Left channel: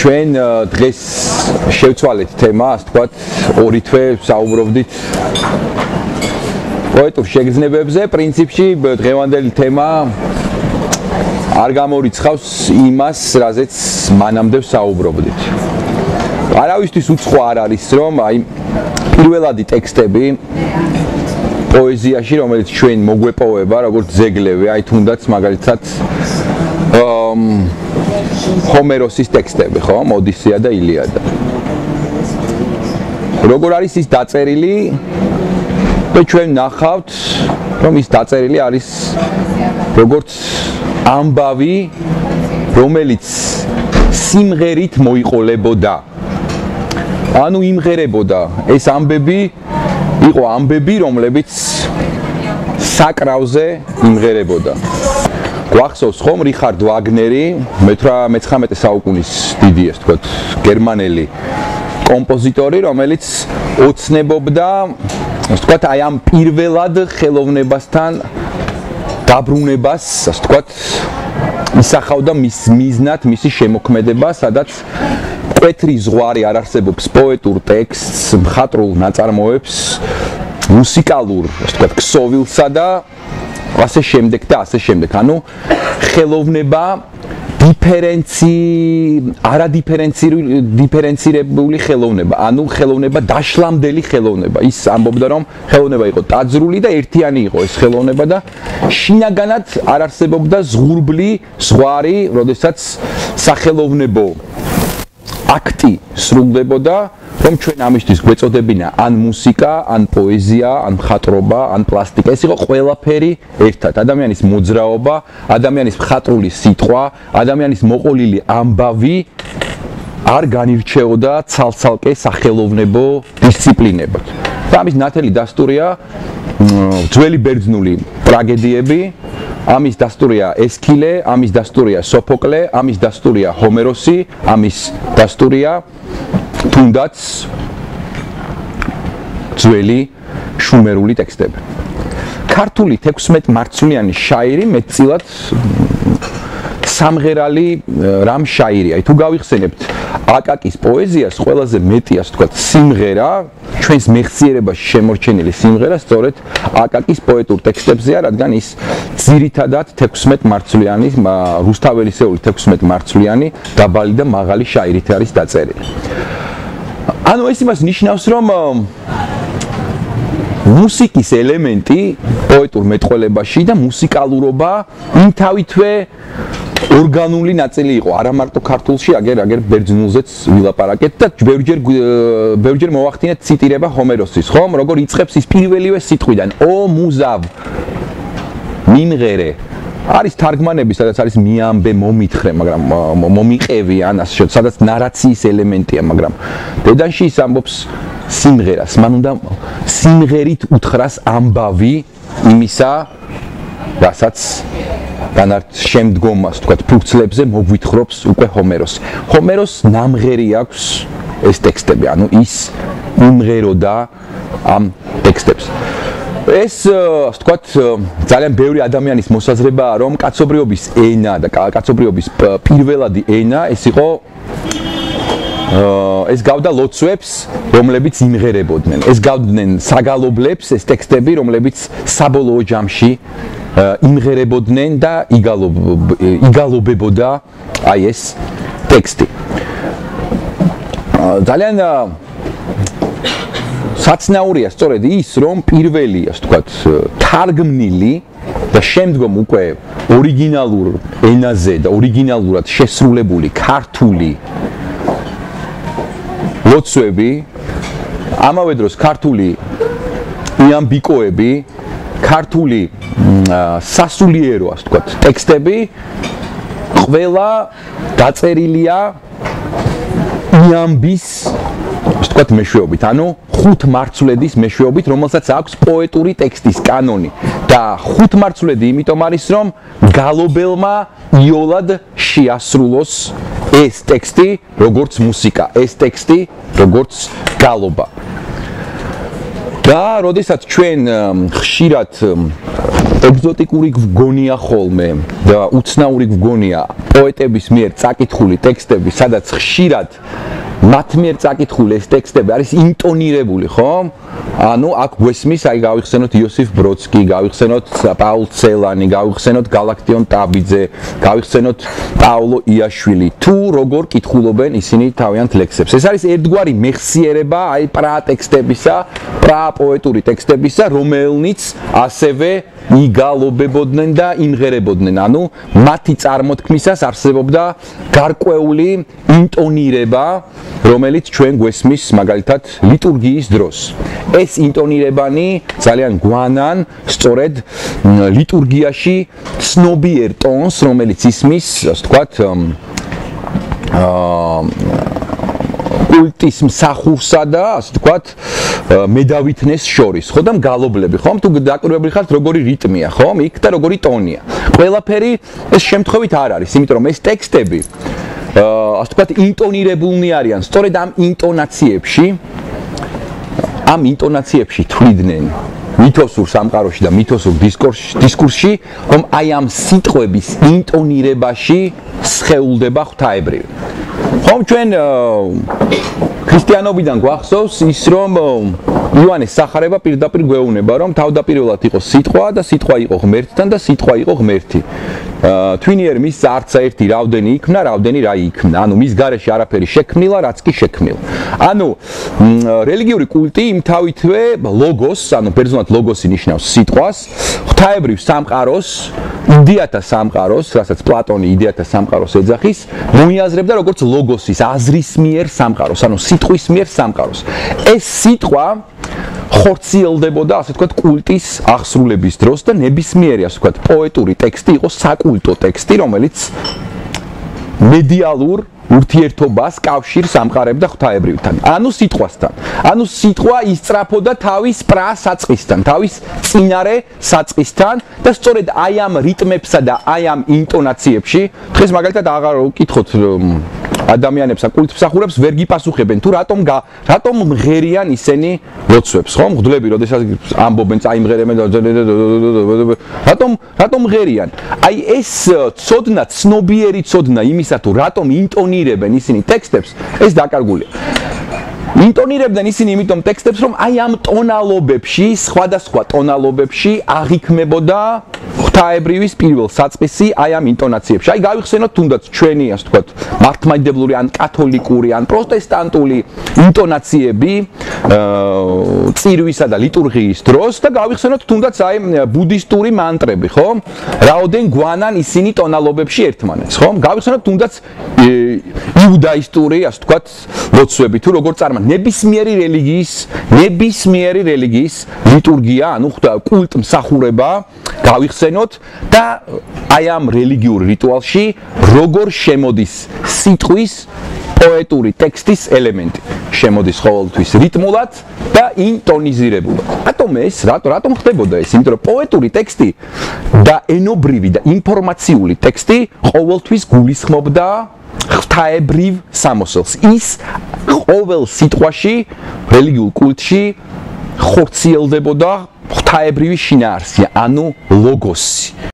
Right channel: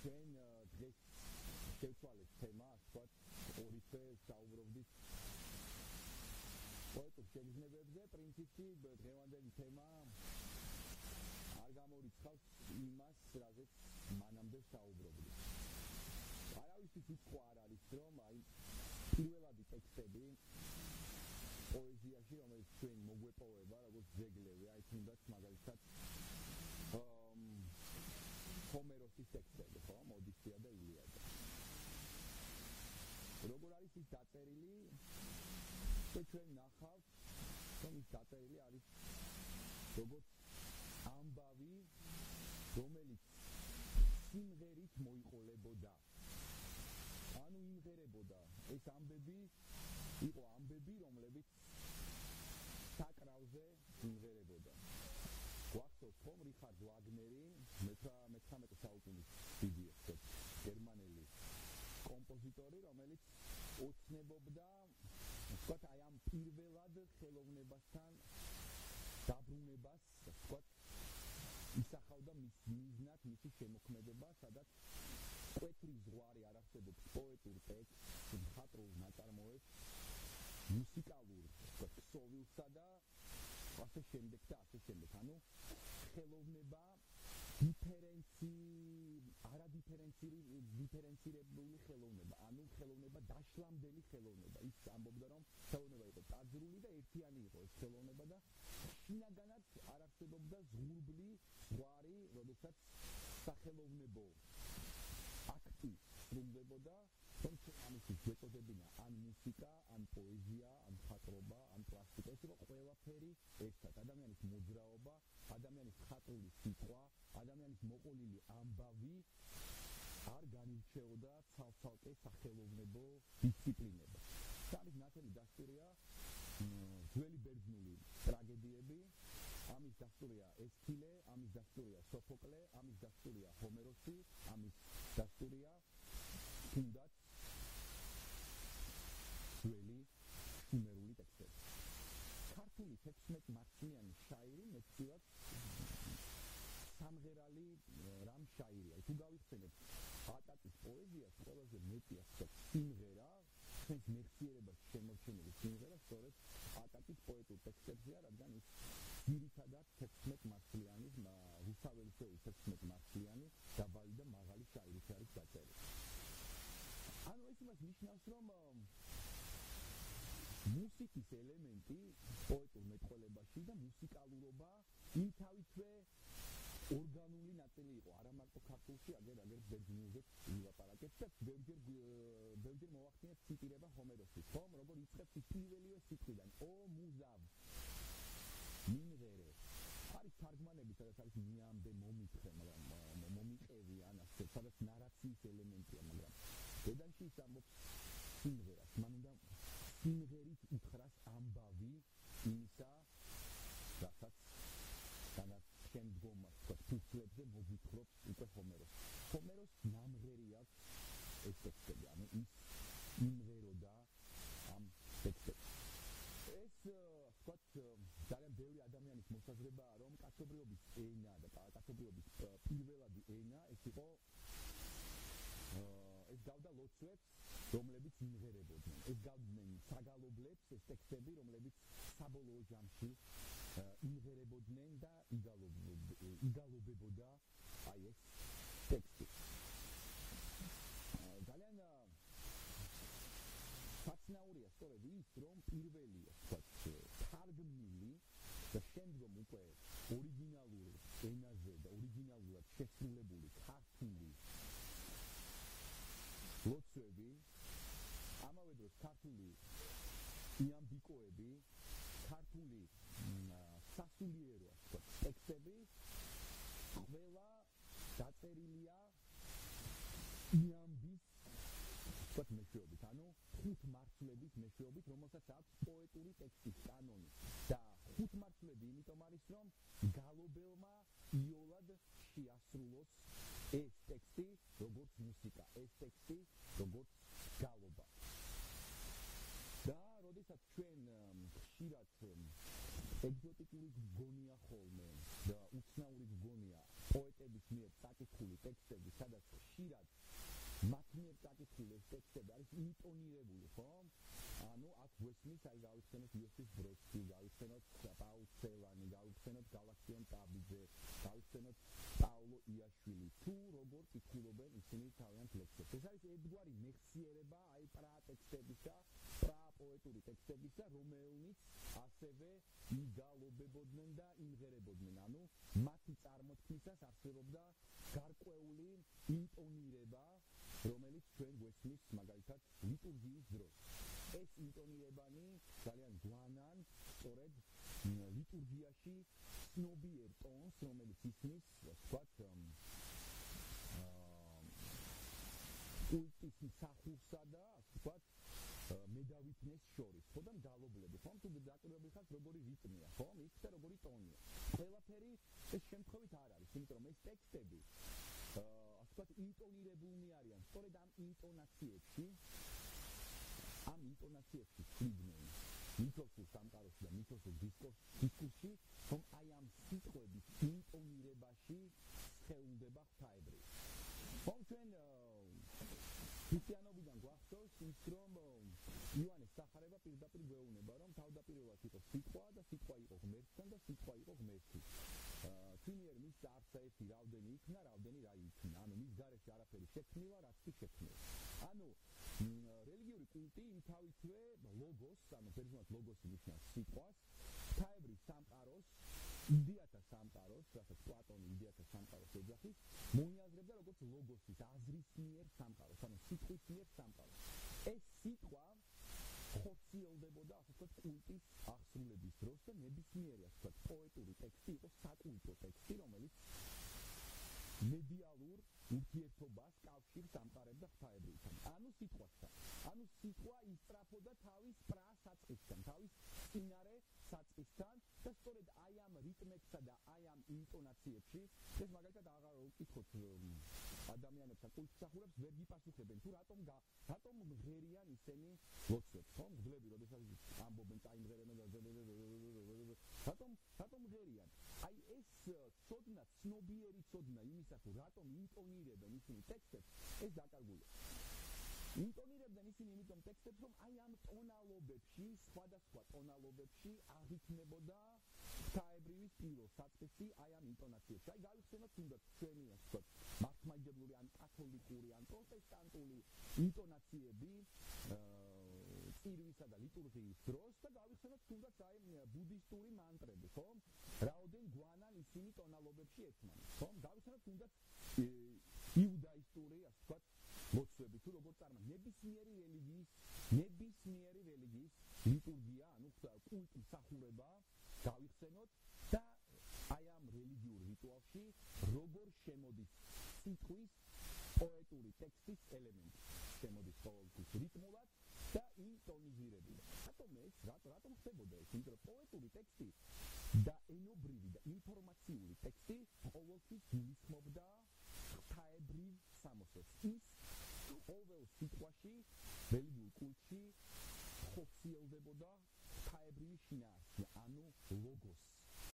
ჩვენ დღეს შევცვალეთ თემა, ასე ვთქვათ, ორი თვე საუბრობდით პოეტურ შეგრძნებებზე. პრინციპში დღევანდელი თემა არ გამორიცხავს იმას, რაზეც მანამდე საუბრობდით. არავისთვის უცხო არ არის, რომ აი პირველადი ტექსტები პოეზიაში, რომელიც ჩვენ მოგვეპოვება, როგორც ძეგლები, აი თუნდაც მაგალითად ჰომეროსის ტექსტები, ხო? ოდისეა და ილიადა. როგორ არის ის დაწერილი? და ჩვენ ნახავთ, რომ ის დაწერილი არის როგორც ამბავი, რომელიც სიმღერით მოიყოლებოდა. ანუ იმღერებოდა. ეს ამბები იყო ამბები, რომლებიც საკრავზე იმღერებოდა. გვახსოვს ხომ რიხარდ ვაგნერი, მე-19 საუკუნის დიდი, ასე ვთქვათ, გერმანელი კომპოზიტორი, რომელიც ოცნებობდა, ასე ვთქვათ, აი ამ პირველად ხელოვნებასთან დაბრუნებას, ასე ვთქვათ, ისახავდა მის მიზნად მისი შემოქმედება, სადაც მკვეთრი ზღვარი არ არსებობს პოეტურ ტექსტს, მხატვრულ ნაწარმოებს, მუსიკალურ, ასე ვთქვათ, ქსოვილსა და ასე შემდეგ და ასე შემდეგ. ანუ ხელოვნება არადიფერენცირებული ხელოვნება, ანუ ხელოვნება დაშლამდელი ხელოვნება. ის ამბობდა, რომ ხელოვნება იყო დაძრული და ერთიანი იყო ეს ხელოვნება და შინაგანად არ არსებობდა ზღურბლი ზღვარი, როდესაც სახელოვნებო აქტი სრულდებოდა, რომ ჩვენ ამისთვის გვეწოდებინა ან მუსიკა, ან პოეზია, ან მხატვრობა, ან პლასტიკა. ეს იყო ყველაფერი ერთად. ადამიანის მოძრაობა, ადამიანის მხატვრული სიტყვა, ადამიანის მოყოლილი ამბავი არ განირჩეოდა ცალ-ცალკე სახელოვნებო დისციპლინებად. და ამის ნათელი დასტურია ძველი ბერძნული ტრაგედიები, ამის დასტურია ესქილე, ამის დასტურია სოფოკლე, ამის დასტურია ჰომეროსი, ამის დასტურია თუნდაც ძველი შუმერული ტექსტები. ქართული 16 მარცვლიანი შაირი მეტწილად სამღერალი რამ შაირია. თუ გავიხსენებთ აკაკის პოეზიას, ყველაზე მეტი, ასე ვთქვათ, სიმღერა, ჩვენს მეხსიერებაში შემორჩენილი სიმღერა სწორედ აკაკის პოეტურ ტექსტებზეა, რადგან ის ძირითადად 16 მარცვლიანი, რუსთაველისეული 16 მარცვლიანი დაბალი და მაღალი შაირით არის დაწერილი. ანუ ეს იმას ნიშნავს, რომ მუსიკის ელემენტი პოეტურ მეტყველებაში და მუსიკალურობა იმთავითვე ორგანული ნაწილი იყო, არა მარტო ქართულში, აგერ ბერძნულზეც ვილაპარაკეთ და ბევრჯერ მოვახდინეთ ციტირება ჰომეროსის, ხომ? როგორ იწყებს ის პირველივე სიტყვიდან, ო მუზავ, მიმღერე. არის თარგმანები, სადაც არის მიამბე, მომითხრე, მაგრამ მომიყევი, ან ასე შედარებით, სადაც ნარაციის ელემენტია, მაგრამ დედანში ის ამბობს სიმღერას. მან უნდა სიმღერით უთხრას ამბავი იმისა, რასაც შემდგომ, ასე ვთქვათ, ფურცლებზე მოგვითხრობს უკვე ჰომეროსი. ჰომეროს ნამღერი აქვს ეს ტექსტები, ანუ ის იმღეროდა ამ ტექსტებს. ეს, ასე ვთქვათ, ძალიან ბევრი ადამიანის მოსაზრებაა, რომ კაცობრიობის ენა და კაცობრიობის პირველადი ენა ეს იყო ეს გავდა ლოცვებს, რომლებიც იმღერებოდნენ. ეს გავდნენ საგალობლებს, ეს ტექსტები, რომლებიც საბოლოო ჯამში იმღერებოდნენ და იგალობებოდა აი ეს ტექსტი. ძალიან საცნაურია სწორედ ის, რომ პირველი, ასე ვთქვათ, თარგმნილი და შემდგომ უკვე ორიგინალურ ენაზე და ორიგინალურად შესრულებული ქართული ლოცვები, ამავე დროს ქართული იამბიკოები, ქართული სასულიერო, ასე ვთქვათ, ტექსტები ყველა დაწერილია იამბის, ასე ვთქვათ, მეშვეობით, ანუ ხუთმარცვლედის მეშვეობით, რომელსაც აქვს პოეტური ტექსტის კანონი. და ხუთმარცვლედი იმიტომ არის, რომ გალობელმა იოლად შეასრულოს ეს ტექსტი, როგორც მუსიკა, ეს ტექსტი, როგორც გალობა. და როდესაც ჩვენ ხშირად ეგზოტიკური გგონია ხოლმე და უცნაური გგონია პოეტების მიერ წაკითხული ტექსტები, სადაც ხშირად მათ მიერ წაკითხული ეს ტექსტები არის ინტონირებული, ხო? ანუ აქ გვესმის, აი გავიხსენოთ იოსიფ ბროდსკი, გავიხსენოთ პაულ ცელანი, გავიხსენოთ გალაქტიონ ტაბიძე, გავიხსენოთ პაოლო იაშვილი. თუ როგორ კითხულობენ ისინი თავიანთ ლექსებს. ეს არის ერთგვარი მეხსიერება აი პრატექსტებისა, პრაპოეტური ტექსტებისა, რომელნიც ასევე იგალობებოდნენ და იმღერებოდნენ. ანუ მათი წარმოთქმისას არსებობდა გარკვეული ინტონირება, რომელიც ჩვენ გვესმის მაგალითად ლიტურგიის დროს. ეს ინტონირებანი ძალიან გვანან სწორედ ლიტურგიაში ცნობიერ ტონს, რომელიც ისმის, ასე ვთქვათ, კულტის მსახურსა და ასე ვთქვათ მედავითნეს შორის, ხო და მგალობლები, ხო? თუ დაკვირვებული ხართ როგორი რიტმია, ხო? იქ და როგორი ტონია. ყველაფერი ეს შემთხვევით არ არის, იმიტომ რომ ეს ტექსტები ასე ვთქვათ ინტონირებულნი არიან, სწორედ ამ ინტონაციებში თვლიდნენ მითოსურ სამყაროში და მითოსურ დისკურსში, რომ აი ამ სიტყვების ინტონირებაში სხეულდება ღვთაებრივი. ხომ ჩვენ ქრისტიანობიდან გვახსოვს ის, რომ იოანეს სახარება პირდაპირ გვეუბნება, რომ თავდაპირველად იყო სიტყვა და სიტყვა იყო ღმერთთან და სიტყვა იყო ღმერთი. თვინიერ მის არცა ერთი რავდენი იქმნა, რავდენი რა იქმნა. ანუ მის გარეშე არაფერი შექმნილა, რაც კი შექმნილა. ანუ რელიგიური კულტი იმთავითვე ლოგოს, ანუ ბერძნულად ლოგოსი ნიშნავს სიტყვას, ღვთაებრივ სამყაროს, იდეათა სამყაროს, რასაც პლატონი იდეათა სამყაროს ეძახის, მოიაზრებდა როგორც ლოგოსის, აზრის მიერ სამყაროს, ანუ სიტყვის მიერ სამყაროს. ეს სიტყვა ხორციელდებოდა, ასე ვთქვათ, კულტის აღსრულების დროს და ნებისმიერი, ასე ვთქვათ, პოეტური ტექსტი იყო საკულტო ტექსტი, რომელიც მედიალურ ურთიერთობას კავშირს ამყარებდა ღვთაებრივთან, ანუ სიტყვასთან. ანუ სიტყვა ისწრაფოდა თავის პრასაწყისთან, თავის წინარე საწყისთან და სწორედ აი ამ რიტმებსა და აი ამ ინტონაციებში, დღეს მაგალითად აღარ ვკითხოთ ადამიანებს და კულტმსახურებს ვერ გიპასუხებენ თუ რატომ მღერიან ისინი ლოცვებს, ხო? მღვდლები, როდესაც ამბობენ, წაიმღერებენ და რატომ მღერიან? აი ეს ცოდნა, ცნობიერი ცოდნა იმისა თუ რატომ ინტონირებენ ისინი ტექსტებს, ეს დაკარგულია. ინტონირებდნენ ისინი იმიტომ ტექსტებს, რომ აი ამ ტონალობებში, სხვადასხვა ტონალობებში აღიქმებოდა ღვთაებრივის პირველ საწყისი აი ამ ინტონაციებში. აი გავიხსენოთ თუნდაც ჩვენი, ასე ვთქვათ, მართლმადიდებლური ან კათოლიკური ან პროტესტანტული ინტონაციები წირვისა და ლიტურგიის დროს და გავიხსენოთ თუნდაც აი ბუდისტური მანტრები, ხო? რაოდენ გვანან ისინი ტონალობებში ერთმანეთს, ხო? გავიხსენოთ თუნდაც იუდაისტური, ასე ვთქვათ, ლოცვები თუ როგორ ნებისმიერი რელიგიის ლიტურგია, ანუ კულტმსახურება გავიხსენოთ და აი ამ რელიგიურ რიტუალში როგორ შემოდის სიტყვის პოეტური ტექსტის ელემენტი. შემოდის ყოველთვის რიტმულად და ინტონიზირებულად. რატომ ხდებოდა ეს? იმიტომ რომ პოეტური ტექსტი და ენობრივი და ინფორმაციული ტექსტი ყოველთვის გულისხმობდა ღვთაებრივ სამოსელს. ის ყოველ სიტყვაში, რელიგიურ კულტში ხორციელდებოდა ღვთაებრივი შინაარსი, ანუ ლოგოსი.